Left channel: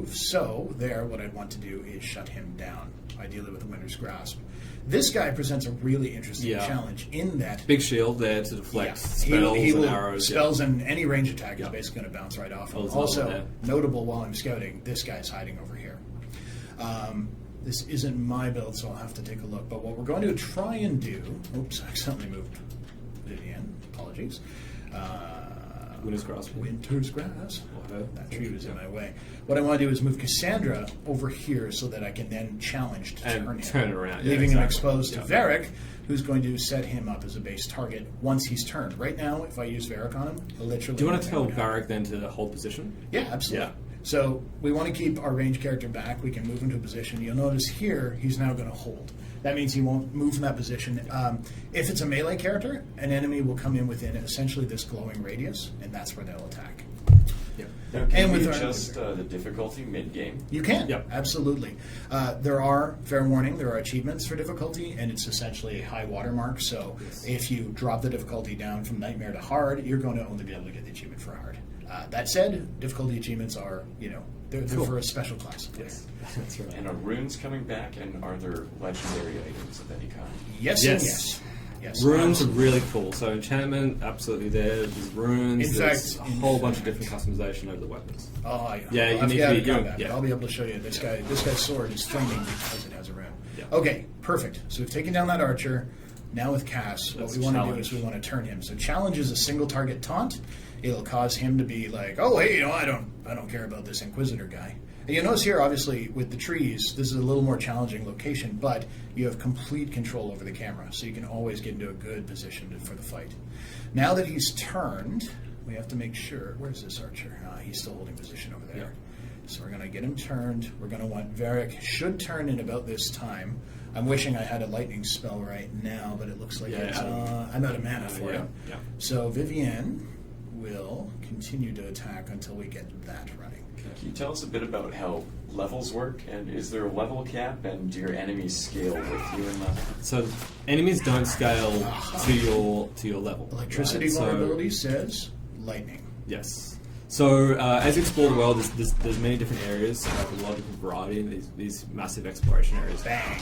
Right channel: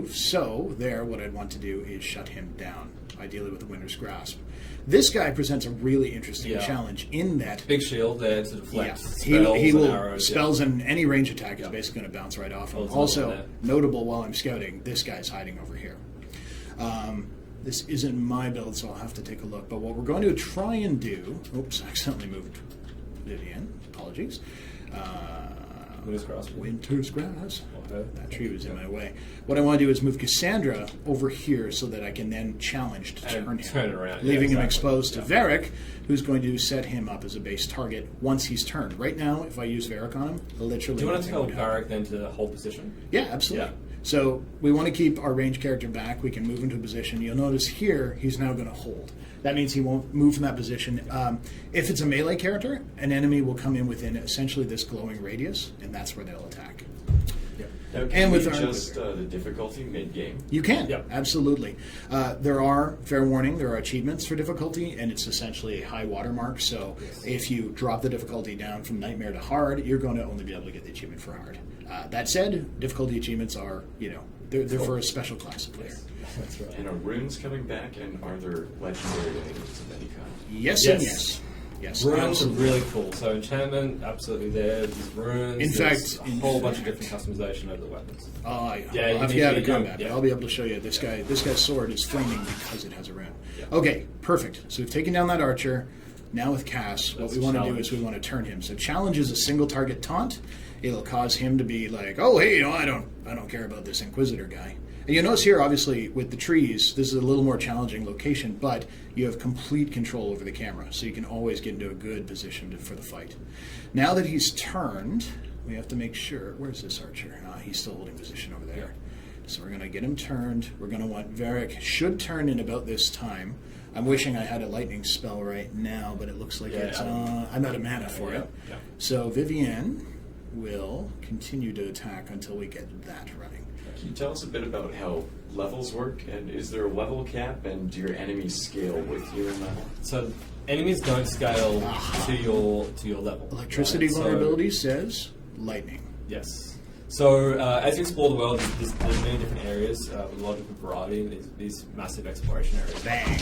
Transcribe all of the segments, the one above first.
move. So there, what I'd want to do is shut him down, ideally with a Winter's Grasp. This guy presents a really interesting challenge in that... Big shield there to deflect spells and arrows. Spells and any range attack is basically going to bounce right off him. Also, notable while I'm scouting, this guy's hiding over here. This isn't my build, so I'll have to take a look. But what we're going to try and do... Oops, I accidentally moved Vivian. Apologies. Winter's Grasp. Winter's Grass. That tree was in my way. What I want to do is move Cassandra over here so that I can then challenge to turn him. Around. Leaving him exposed to Varric, who's going to set him up as a base target once he's turned. Right now, if I use Varric on him, literally... Do you want to tell Varric then to hold position? Yeah, absolutely. Yeah. So we want to keep our range character back. We can move into a position. You'll notice here, he's now going to hold. That means he won't move from that position. If it's a melee character, an enemy will come in within essentially this glowing radius, and that's where they'll attack. Yep. Now, can we adjust the difficulty mid-game? You can, absolutely. There are, fair warning, there are achievements for difficulty, and it's essentially a high watermark. So if you drop the difficulty down from Nightmare to Hard, you're going to only be able to get the achievement for Hard. That said, difficulty achievements are, they're for a special class of player. Yes. That's right. And are runes coming back, and are there legendary items of any kind? Yes and yes. Yes. Runes are really cool. So enchantment, absolutely there. There's runes. In fact, a whole bunch of different customization over the weapons. Oh, yeah. I'll have to have combat, but I'll be able to show you. This guy's sword is flaming because it has a rune. Yeah. Okay, perfect. So we've taken down that archer. Now with Cass, what we want to do is we want to turn him. So challenge is a single target taunt. It'll cause him to be like, oh, hey, I don't care about this Inquisitor guy. And you'll notice here, obviously, with the trees, this is a little more challenging location, but you have complete control over the camera, so you can always get into a good position for the fight. Now that he's turned, we have to make sure... Where's this archer? He's still holding position over there. Yeah. So we're going to get him turned. We're going to want Varric should turn in about this time. I'm wishing I had a lightning spell right now, but it looks like I'm out of mana for it. Yeah. So Vivienne will continue to attack until we get that running. Can you tell us a bit about how levels work, and is there a level cap, and do your enemies scale with you in that? So enemies don't scale to your level. Electricity vulnerability says lightning. Yes. So as you explore the world, there's many different areas with a lot of different variety. These massive exploration areas. Bang.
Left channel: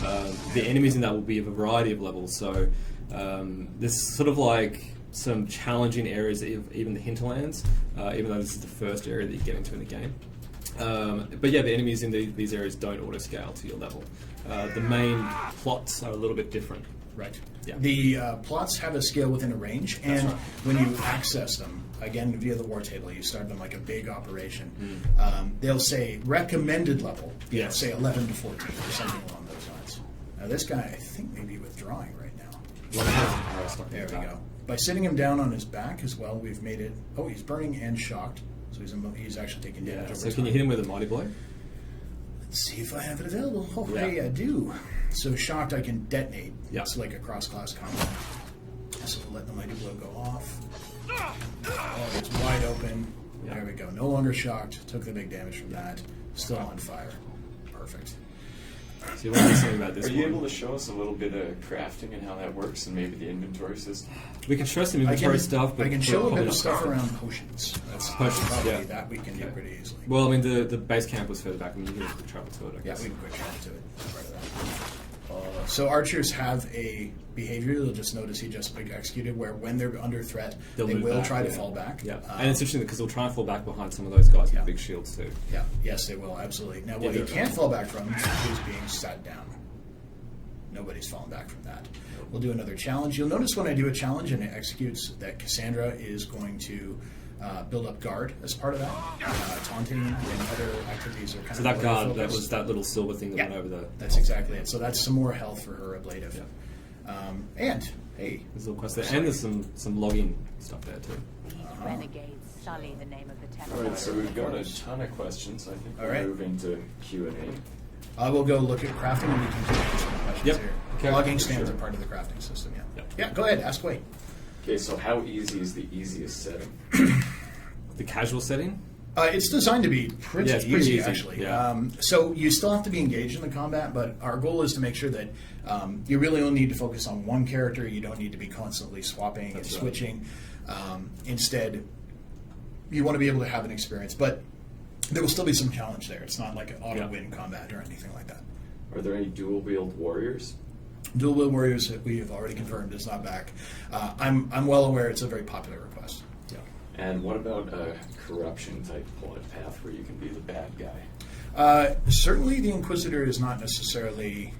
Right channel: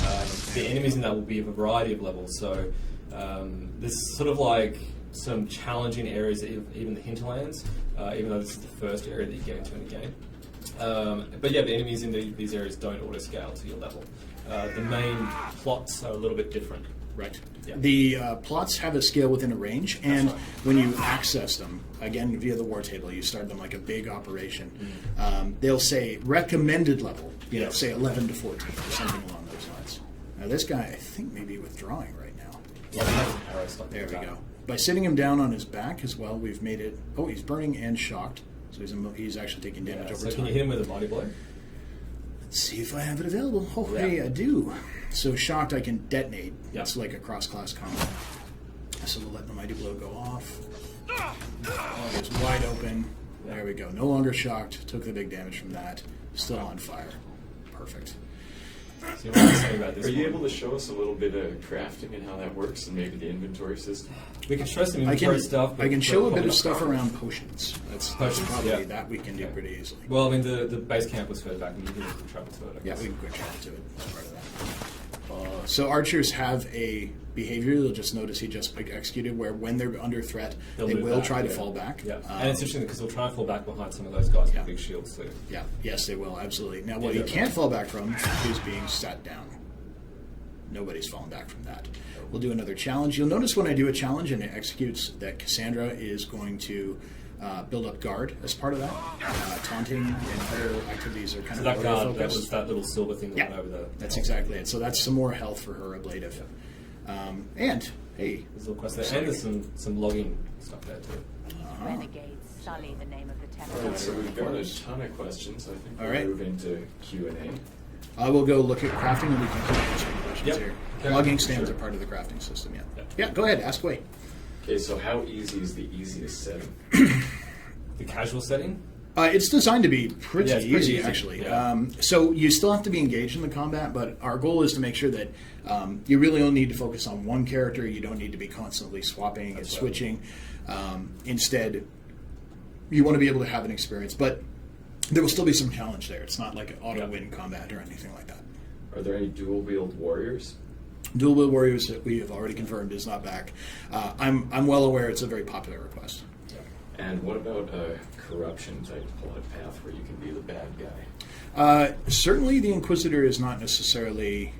The enemies in that will be of a variety of levels. So there's sort of like some challenging areas, even the Hinterlands, even though this is the first area that you get into in the game. But yeah, the enemies in these areas don't auto-scale to your level. The main plots are a little bit different. Right. Yeah. The plots have a scale within a range, and when you access them, again, via the war table, you start them like a big operation. They'll say recommended level, say 11 to 14 or something along those lines. Now this guy, I think, may be withdrawing right now. There we go. By sitting him down on his back as well, we've made it... Oh, he's burning and shocked. So he's actually taking damage over time. So can you hit him with a mighty blow? Let's see if I have it available. Oh, hey, I do. So shocked, I can detonate. Yeah. It's like a cross-class combat. So we'll let the mighty blow go off. Oh, it's wide open. Yeah. There we go. No longer shocked. Took the big damage from that. Still on fire. Perfect. So what are you saying about this? Are you able to show us a little bit of crafting and how that works, and maybe the inventory system? We can show some inventory stuff. But I can show a bit of stuff around potions. That's probably that we can do pretty easily. Well, I mean, the base camp was further back, and you can just travel to it. I guess. Yeah, we can quick travel to it. That's part of that. So archers have a behavior. You'll just notice he just executed where when they're under threat, they will try to fall back. Yeah, and it's interesting because they'll try and fall back behind some of those guys with big shields too. Yeah, yes, they will, absolutely. Now, what you can't fall back from is being sat down. Nobody's fallen back from that. We'll do another challenge. You'll notice when I do a challenge and it executes that Cassandra is going to build up guard as part of that. Taunting and other activities are kind so of that guard, focused. that was that little silver thing that went over there. That's exactly it. So that's some more health for her ablative. Yeah. And, hey. There's a little quest there. And there's some logging stuff there too. These renegades sully the name of the temple. Alright, so we've got a ton of questions. I think we'll move into Q&A. I will go look at crafting and we can answer some questions here. Okay. Logging stands are part of the crafting system, Yeah, go ahead, ask away. Okay, so how easy is the easiest setting? The casual setting? It's designed to be pretty easy, actually. Yeah. So you still have to be engaged in the combat, but our goal is to make sure that you really only need to focus on one character. You don't need to be constantly swapping and switching. Instead, you want to be able to have an experience. But there will still be some challenge there. It's not like an auto-win combat or anything like that. Are there any dual-wield warriors? Dual Wield Warriors, that we have already confirmed, is not back. I'm well aware it's a very popular request. And what about a corruption-type plot path where you can be the bad guy? Certainly the Inquisitor is not necessarily...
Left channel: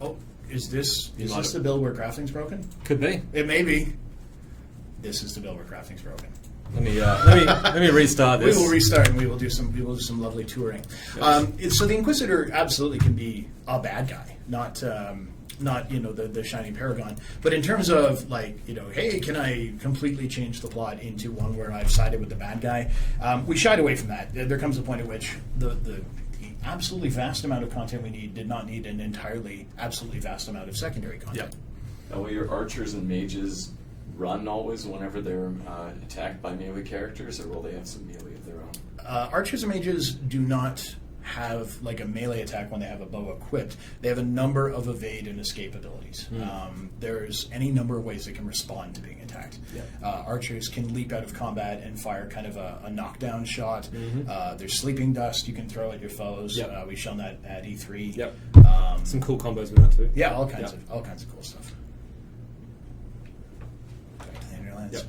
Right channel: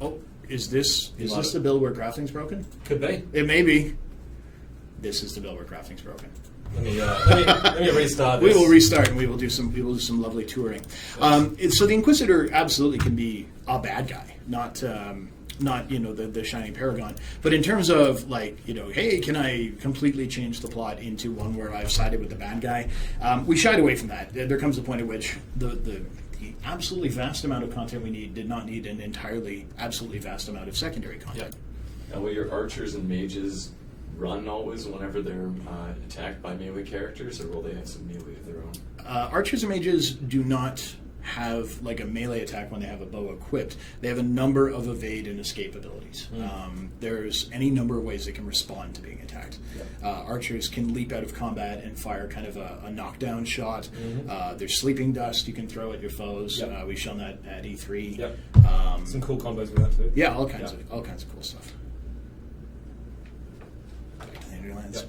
Oh, is this the build where crafting's broken? Could be. It may be. This is the build where crafting's broken. Let me restart this. We will restart and we will do some lovely touring. Yes. So the Inquisitor absolutely can be a bad guy, not the shining paragon, but in terms of hey, can I completely change the plot into one where I've sided with the bad guy? We shied away from that. There comes a point at which the absolutely vast amount of content we need did not need an entirely absolutely vast amount of secondary content. Now, will your archers and mages run always whenever they're attacked by melee characters, or will they have some melee of their own? Archers and mages do not have like a melee attack when they have a bow equipped. They have a number of evade and escape abilities. There's any number of ways they can respond to being attacked. Archers can leap out of combat and fire kind of a knockdown shot. There's sleeping dust you can throw at your foes. We've shown that at E3. Some cool combos with that too. Yeah, all kinds of cool stuff. Back to the Hinterlands.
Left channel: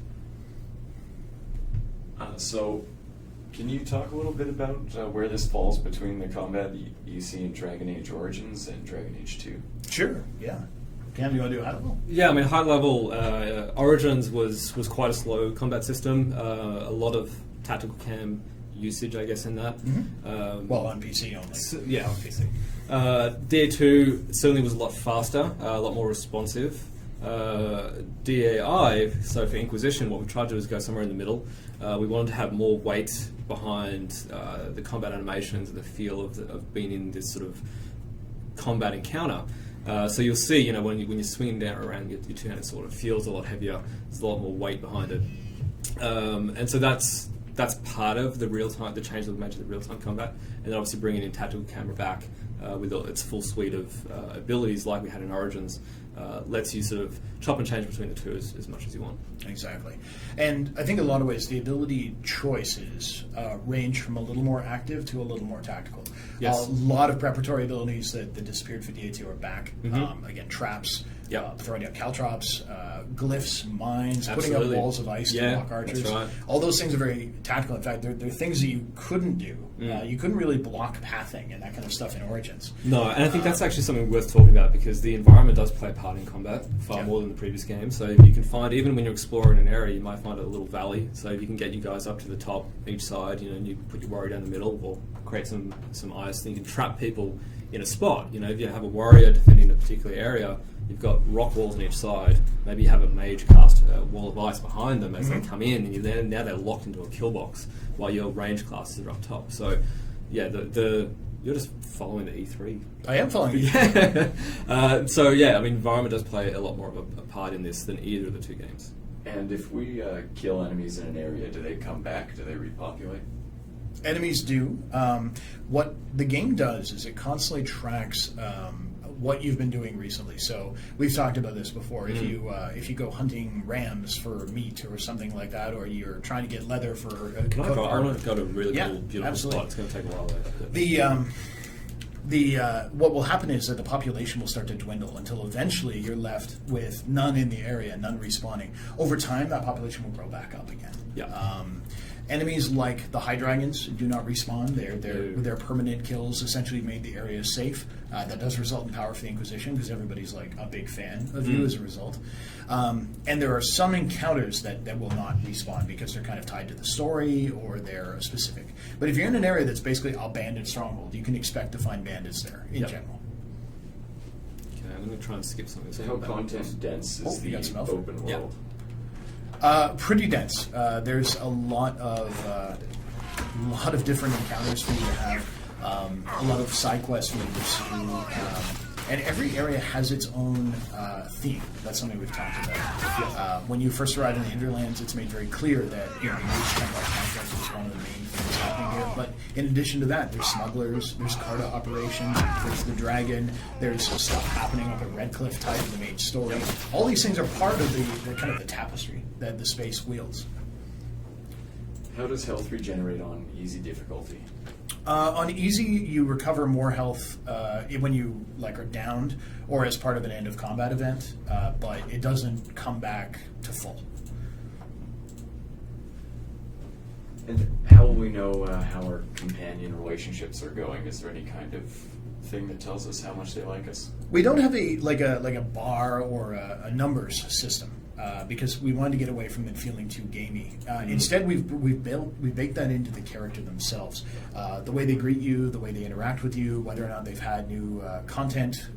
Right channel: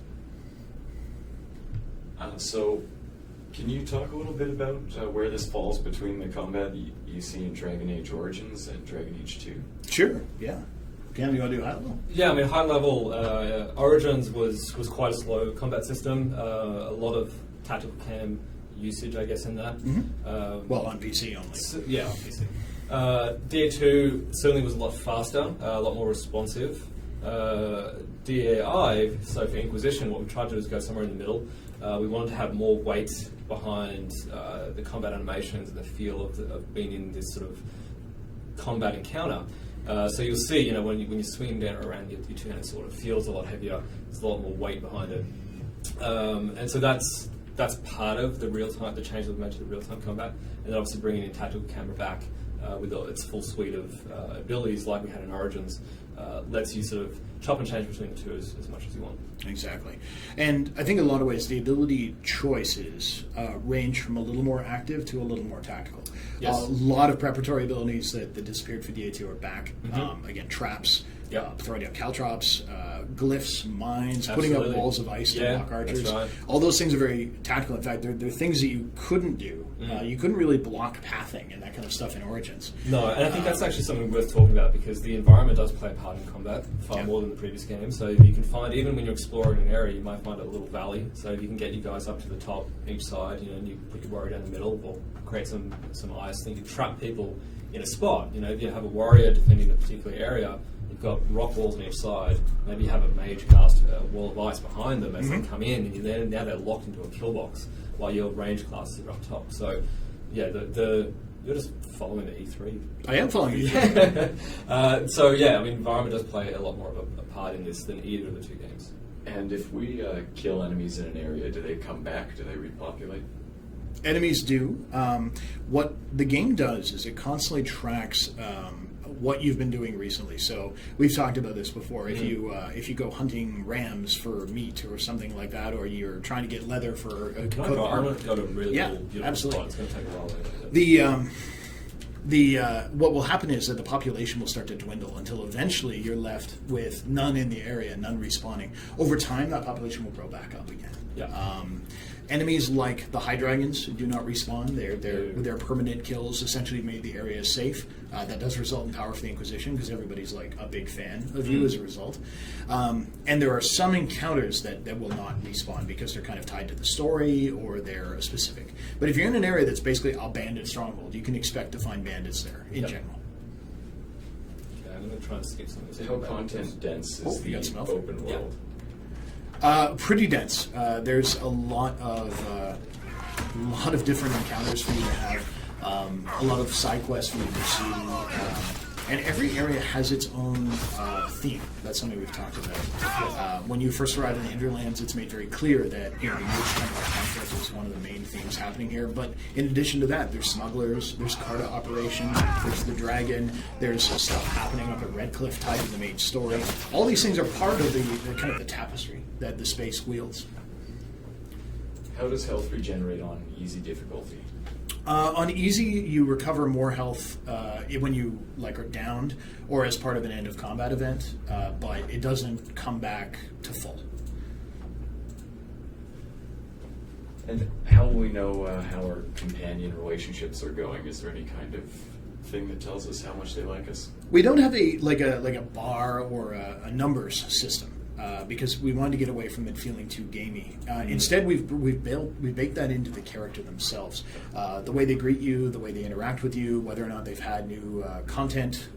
So, can you talk a little bit about where this falls between the combat you see in Dragon Age Origins and Dragon Age 2? Sure, yeah. Cam, you want to do high level? Yeah, I mean, high level, Origins was quite a slow combat system. A lot of tactical cam usage, I guess, in that. Well, on PC only. On PC. DA2 certainly was a lot faster, a lot more responsive. DAI, so for Inquisition, what we tried to do is go somewhere in the middle. We wanted to have more weight behind the combat animations and the feel of being in this sort of combat encounter. So you'll see, when you're swinging down around your two-handed sword, it feels a lot heavier. There's a lot more weight behind it, and so that's part of the real-time, the change that we made to the real-time combat, and then obviously bringing in tactical camera back with its full suite of abilities, like we had in Origins, lets you sort of chop and change between the two as much as you want. Exactly. And I think in a lot of ways the ability choices range from a little more active to a little more tactical. Yes. A lot of preparatory abilities that disappeared for DA2 are back. Again, traps, throwing out caltrops, glyphs, mines, putting up walls of ice to block archers. That's right. All those things are very tactical. In fact, they're things that you couldn't do. You couldn't really block pathing and that kind of stuff in Origins. No, and I think that's actually something worth talking about, because the environment does play a part in combat far more than the previous game. So you can find, even when you're exploring an area, you might find a little valley. So if you can get you guys up to the top each side, and you put your warrior down the middle, or create some ice, then you can trap people in a spot. If you have a warrior defending a particular area, you've got rock walls on each side. Maybe you have a mage cast a wall of ice behind them as they come in, and now they're locked into a kill box while your range classes are up top. So, yeah, you're just following the E3. I am following E3. So, yeah, I mean, environment does play a lot more of a part in this than either of the two games. And if we kill enemies in an area, do they come back? Do they repopulate? Enemies do. What the game does is it constantly tracks what you've been doing recently. So we've talked about this before. If you go hunting rams for meat or something like that, or you're trying to get leather for a I want to go to a really cool, beautiful absolutely. spot. It's going to take a while. What will happen is that the population will start to dwindle until eventually you're left with none in the area, none respawning. Over time, that population will grow back up again. Enemies like the High Dragons do not respawn. Their permanent kills essentially made the area safe. That does result in power for the Inquisition, because everybody's like a big fan of you as a result. And there are some encounters that will not respawn because they're kind of tied to the story or they're specific. But if you're in an area that's basically a bandit stronghold, you can expect to find bandits there in general. Okay, I'm going to try and skip some of this. How content dense is the open world? Pretty dense. There's a lot of different encounters for you to have. A lot of side quests for you to pursue. And every area has its own theme. That's something we've talked about. When you first arrive in the Hinterlands, it's made very clear that the Mage conflict is one of the main things happening here. But in addition to that, there's smugglers, there's Carta Operation, there's the Dragon, there's stuff happening up at Redcliffe tied to the Mage story. All these things are part of the kind of the tapestry that the space wields. How does health regenerate on easy difficulty? On easy, you recover more health when you are downed or as part of an end of combat event, but it doesn't come back to full. And how will we know how our companion relationships are going? Is there any kind of thing that tells us how much they like us? We don't have a bar or a numbers system. Because we wanted to get away from it feeling too gamey. Instead, we've baked that into the character themselves. The way they greet you, the way they interact with you, whether or not they've had new content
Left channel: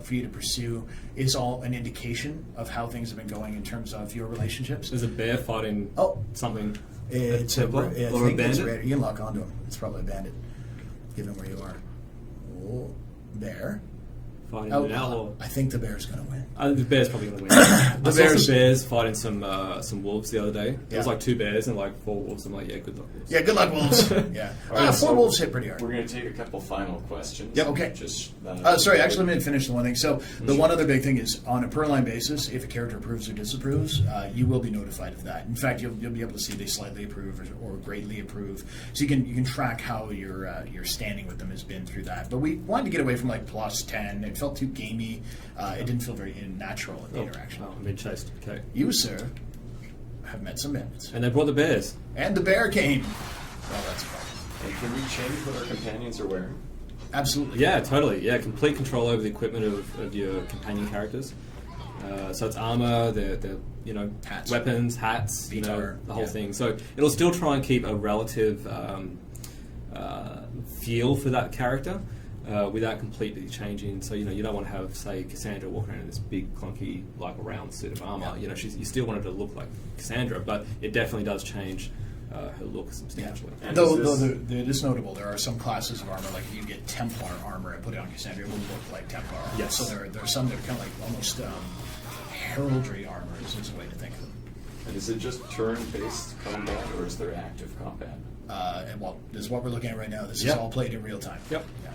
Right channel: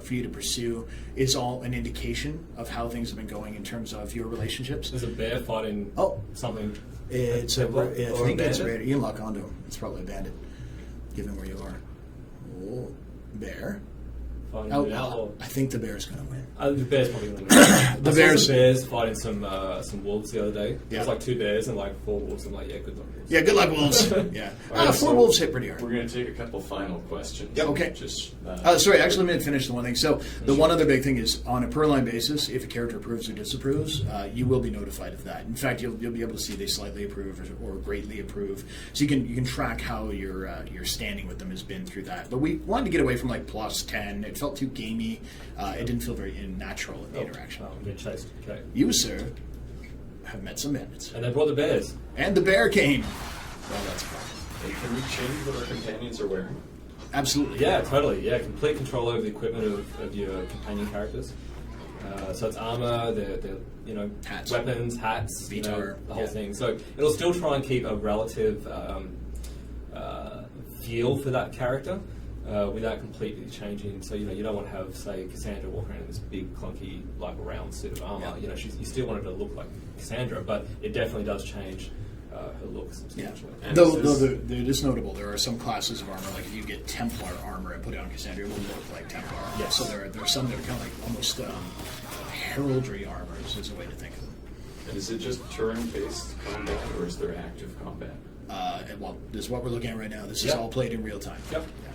for you to pursue, is all an indication of how things have been going in terms of your relationships. There's a bear fighting something. It's I or think a it's bandit? you can lock onto him. It's probably a bandit, given where you are. Oh, bear. Fighting an outlaw. I think the bear's going to win. The bear's probably going to win. I saw bears- some bears fighting some wolves the other day. There Yeah. was like 2 bears and like 4 wolves. I'm like, yeah, good luck. Wolves. Yeah, good luck, wolves. Yeah, All right, 4 so wolves hit pretty hard. We're going to take a couple final questions. Yeah, okay. Just Sorry, actually, let me finish the one thing. So the one other big thing is on a per line basis, if a character approves or disapproves, you will be notified of that. In fact, you'll be able to see they slightly approve or greatly approve. So you can track how your standing with them has been through that. But we wanted to get away from like plus 10. It felt too gamey. It didn't feel very natural in the interaction. Oh, I'm being chased. Okay. You, sir, have met some bandits. And they brought the bears. And the bear came. Well, that's fine. Can we change what our companions are wearing? Absolutely. Yeah, totally. Yeah, complete control over the equipment of your companion characters. So it's armor, the Hats. weapons, hats, Vitar, the whole yeah. thing. So it'll still try and keep a relative feel for that character without completely changing. So you don't want to have, say, Cassandra walk around in this big clunky round suit of armor. Yeah. You still want her to look like Cassandra, but it definitely does change her look substantially. And Though is this- it is notable, there are some classes of armor, like if you get Templar armor and put it on Cassandra, it will look like Templar armor. Yes. So there are some that are kind of like almost heraldry armor is a way to think of them. And is it just turn-based combat, or is there active combat? This is what we're looking at right now. This is Yep. all played in real time. Yep. Yeah.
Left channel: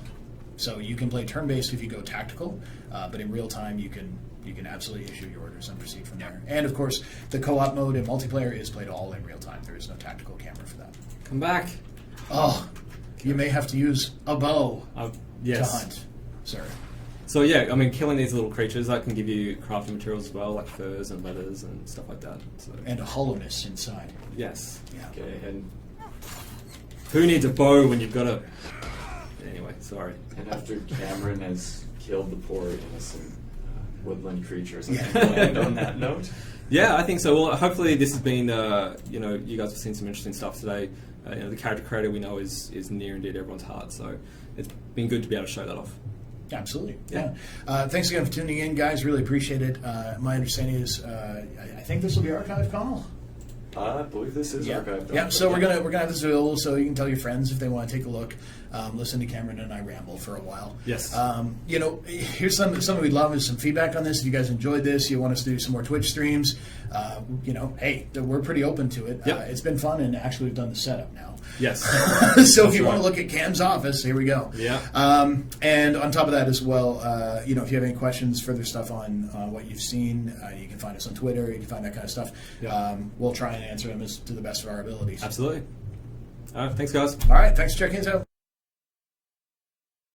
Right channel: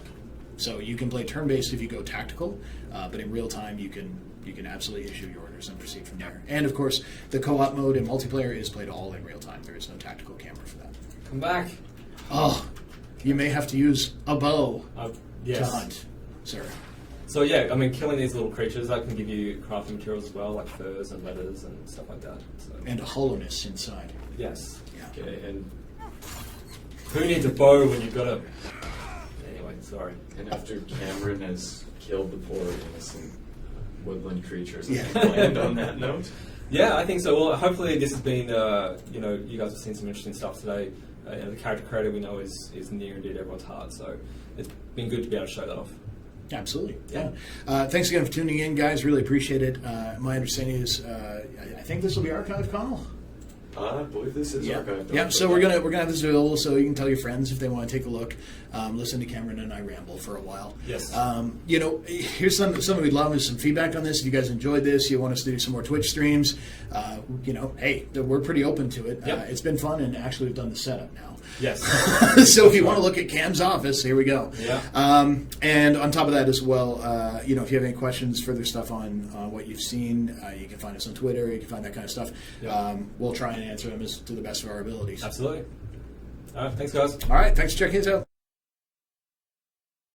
So you can play turn-based if you go tactical, but in real time you can absolutely issue your orders and proceed from there. And of course, the co-op mode in multiplayer is played all in real time. There is no tactical camera for that. Come back. Oh, you may have to use a bow Yes. to hunt, sir. So yeah, I mean, killing these little creatures, that can give you crafting materials as well, like furs and leathers and stuff like that. So And a hollowness inside. yes. Yeah. Okay, and Who needs a bow when you've got a... Anyway, sorry. after Cameron has killed the poor innocent woodland creatures, I Yeah. think we'll end on that note. Yeah, I think so. Well, hopefully this has been, you guys have seen some interesting stuff today. The character creator we know is near and dear to everyone's heart, so it's been good to be able to show that off. Absolutely. Yeah. Thanks again for tuning in, guys. Really appreciate it. My understanding is, I think this will be archived, Connell. I believe this is archived. Yeah. So we're gonna have this available, so you can tell your friends if they want to take a look. Listen to Cameron and I ramble for a while. Yes. Here's something we'd love is some feedback on this. If you guys enjoyed this, you want us to do some more Twitch streams. Hey, we're pretty open to it. Yep. It's been fun, and actually we've done the setup now. Yes. So if you want to look at Cam's office, here we go. Yeah. And on top of that as well, if you have any questions, further stuff on what you've seen, you can find us on Twitter. You can find that kind of stuff. Yeah. We'll try and answer them to the best of our abilities. Absolutely. All right, thanks, guys. All right. Thanks for checking us out.